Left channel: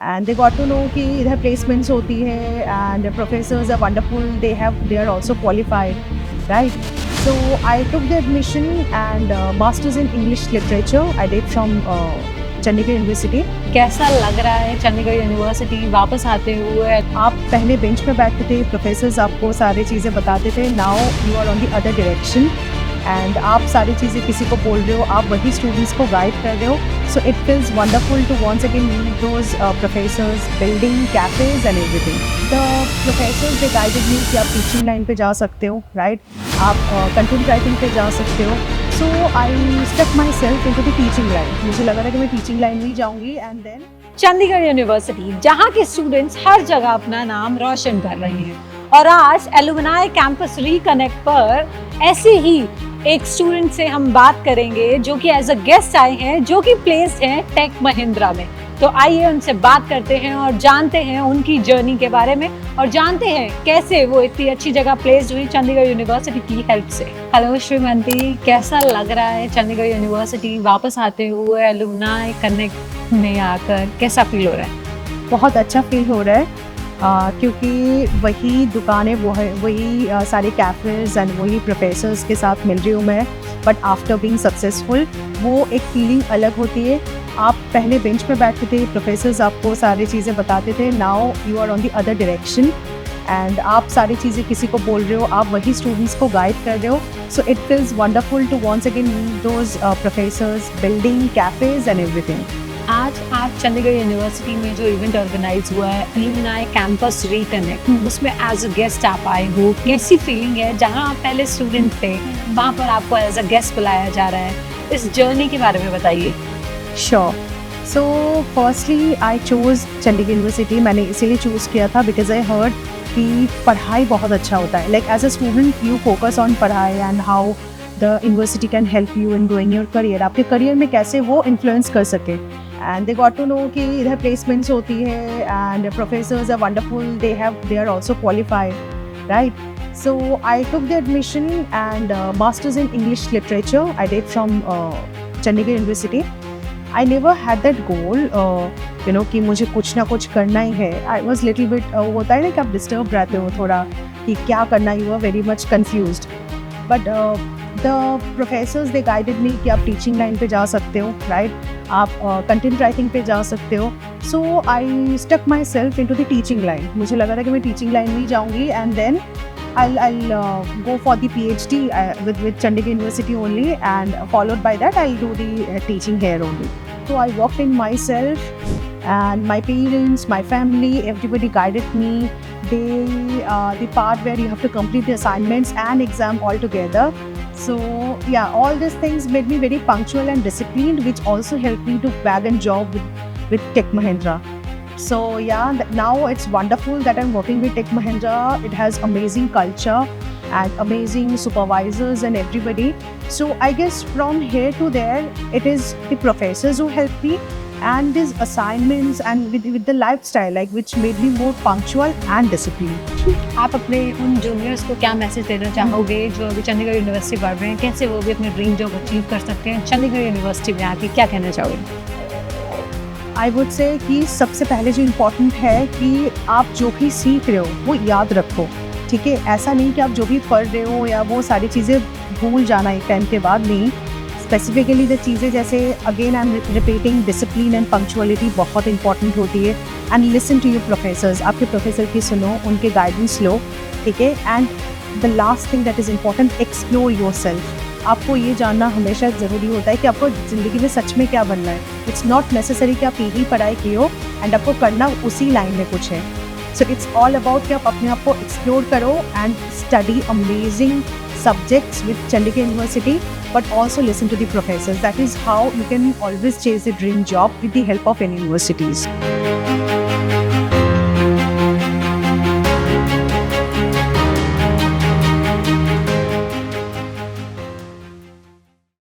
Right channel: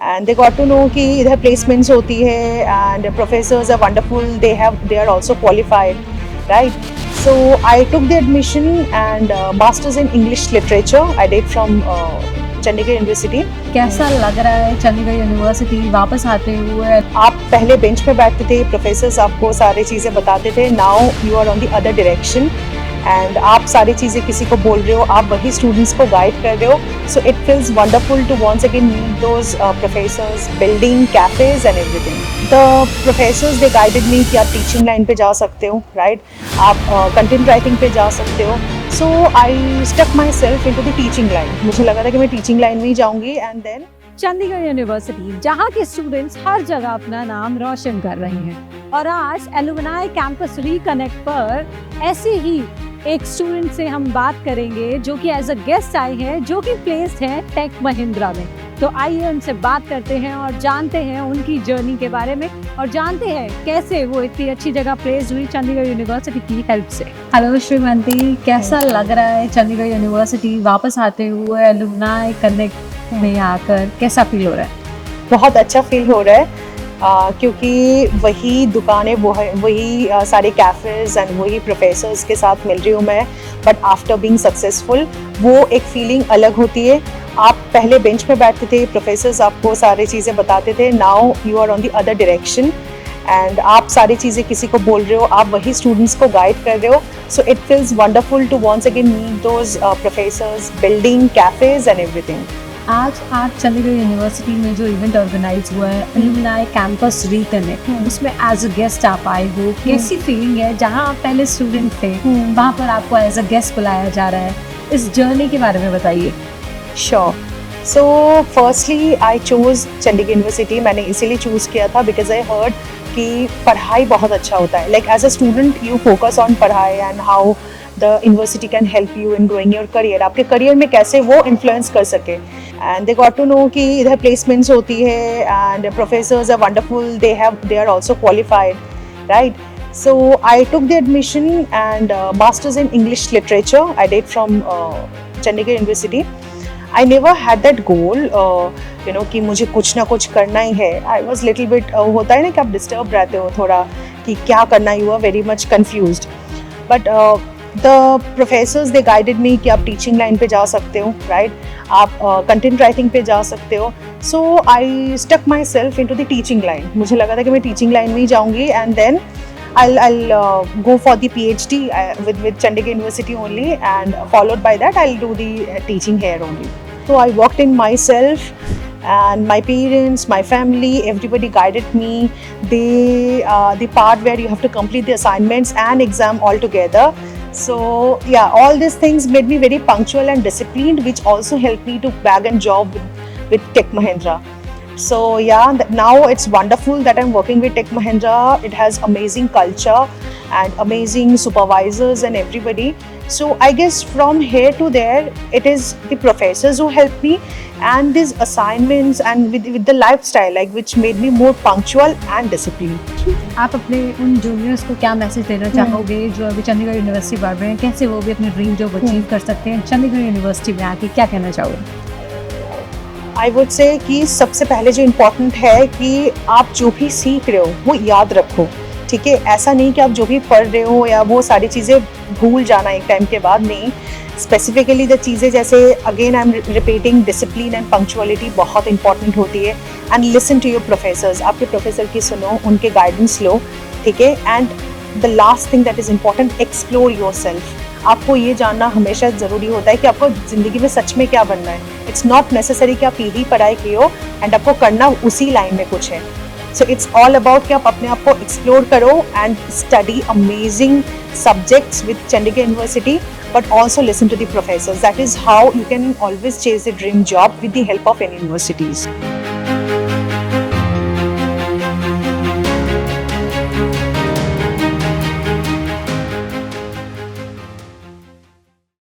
and they got to know कि इधर placements होती है and professors are wonderful, they are also qualified, right? So I took the admission and masters in English literature I did from Chandigarh university. कैसा लग रहा है Chandigarh university वापस आते हुए? आप पहले बेंच पे बैठते थे, प्रोफेसर्स आपको सारी चीज़ें बताते थे, now you are on the other direction and आप सारी चीज़ें किसी को बोल रहे हो, आप वही स्टूडेंट्स को गाइड कर रहे हो। So it feels wonderful to once again meet those professors, building cafes and everything. The professors they guided me कि आप टीचिंग लाइन पे जा सकते हो, राइट? आप कंटेंट राइटिंग पे जा सकते हो। So I stuck my self in to the teaching line. मुझे लगा था कि मैं टीचिंग लाइन में ही जाऊँगी एंड देन चंडीगढ़ यूनिवर्सिटी जहाँ के स्टूडेंट्स हर जगह अपना नाम रोशन कर रहे हैं और आज एलुमनाई कैंपस रिकनेक्ट पर ऐसे ही एक स्टूडेंट से हम बात करेंगे जो कि एज अ गेस्ट आए हैं, जो कि प्लेस्ड है टेक महिंद्रा में। तो आइए उनसे बात करते हैं और जानते हैं उनकी जर्नी के बारे में और जानते हैं कैसे वो इतनी अच्छी जगह प्लेस्ड हुई चंडीगढ़ यूनिवर्सिटी की हेल्प से। हेलो श्रीमती, कैसा लग रहा है चंडीगढ़ यूनिवर्सिटी वापस आते हुए एलुमनाई कनेक्ट में आकर? कैसा फील हो रहा है? बहुत अच्छा फील हो रहा है क्योंकि वही दुकानें वही सारे कैफ़ेज़ एंड वही प्रोफेसर्स के साथ मिल रही हूँ मैं। बट आफ्टर बीइंग सक्सेसफुल वो एक फीलिंग अलग होती है। आप पहले बेंच पे बैठते थे, प्रोफेसर्स आपको सारी चीज़ें बताते थे, now you are on the other direction and आप सारी चीज़ें किसी को बोल रहे हो, आप वही स्टूडेंट्स को गाइड कर रहे हो। So it feels wonderful to once again meet those professors, building cafes and everything. आज आप चंडीगढ़ यूनिवर्सिटी में जो इवेंट ऑर्गेनाइज हुआ है एलुमनाई कैंपस रिकनेक्ट, उसमें एज अ गेस्ट आप आए हो, कैसी फीलिंग है? जहां आप पहले स्टूडेंट थे वहां पर आपको एज अ गेस्ट बुलाया जा रहा है, इस जर्नी के बारे में बताइए। Sure. So firstly I choose Chandigarh university. मैंने इसीलिए चूज़ किया था बिकॉज आई हर्ड कि पढ़ाई बहुत अच्छा होता है। Like as a student you focus on पढ़ाई and how the university can help you in growing your career. आपके करियर में कैसे वो इन्फ्लुएंस कर सके। And they got to know कि इधर प्लेसमेंट्स होती है and professors are wonderful, they are also qualified, right? So I took the admission and masters in English literature I did from Chandigarh University. I never had that goal, you know, कि मुझे कुछ ना कुछ करना ही है। I was little bit होता है ना कि आप डिस्टर्ब रहते हो थोड़ा कि क्या करना, you are very much confused. But the professors they guided me कि आप टीचिंग लाइन पे जा सकते हो, राइट? आप कंटेंट राइटिंग पे जा सकते हो। So I stuck my self in to the teaching line. मुझे लगा था कि मैं टीचिंग लाइन में ही जाऊँगी and then I'll go for the PhD with Chandigarh University only, and followed by that I'll do the teaching here only. So I worked in myself, and my parents, my family, everybody guided me. The part where you have to complete the assignments and exam all together. So yeah, all these things made me very punctual and disciplined, which also helped me to bag a job with Tech Mahindra. So yeah, now it's wonderful that I'm working with Tech Mahindra. It has amazing culture and amazing supervisors and everybody. So I guess from here to there, it is the professors who helped me and these assignments and with the lifestyle, like which made me more punctual and disciplined. आप अपने उन juniors को क्या message देना चाहोगे जो अभी Chandigarh university पढ़ रहे हैं? कैसे वो भी अपने ड्रीम जॉब अचीव कर सकते हैं? चंडीगढ़ यूनिवर्सिटी में आके क्या कहना चाहोगे? आई वुड से कि सबसे पहले जो इम्पोर्टेंट है कि आप जो भी सीख रहे हो वो याद रखो, ठीक है? ऐसा नहीं कि आप जो भी पढ़ रहे हो या वो सारी चीज़ें भूल जाना एक टाइम के बाद, नहीं। स्पेसिफिकली द चीज़ें जैसे again I am repeating, discipline and punctuality बहुत इंपॉर्टेंट होती है। And listen to your professors, आपके प्रोफेसर की सुनो, उनके गाइडेंस लो, ठीक है? And the last thing that is important, explore yourself. आपको ये जानना हमेशा ज़रूरी होता है कि आपको ज़िंदगी में सच में क्या बनना है। इट्स नॉट नेसेसरी कि आप यही पढ़ाई की हो एंड आपको करना उसी लाइन में कुछ है। सो इट्स ऑल अबाउट कि आप अपने आप को एक्सप्लोर करो and study amazing subjects with Chandigarh University, but also listen to the professors. That is how you can always chase the dream job with the help of any universities.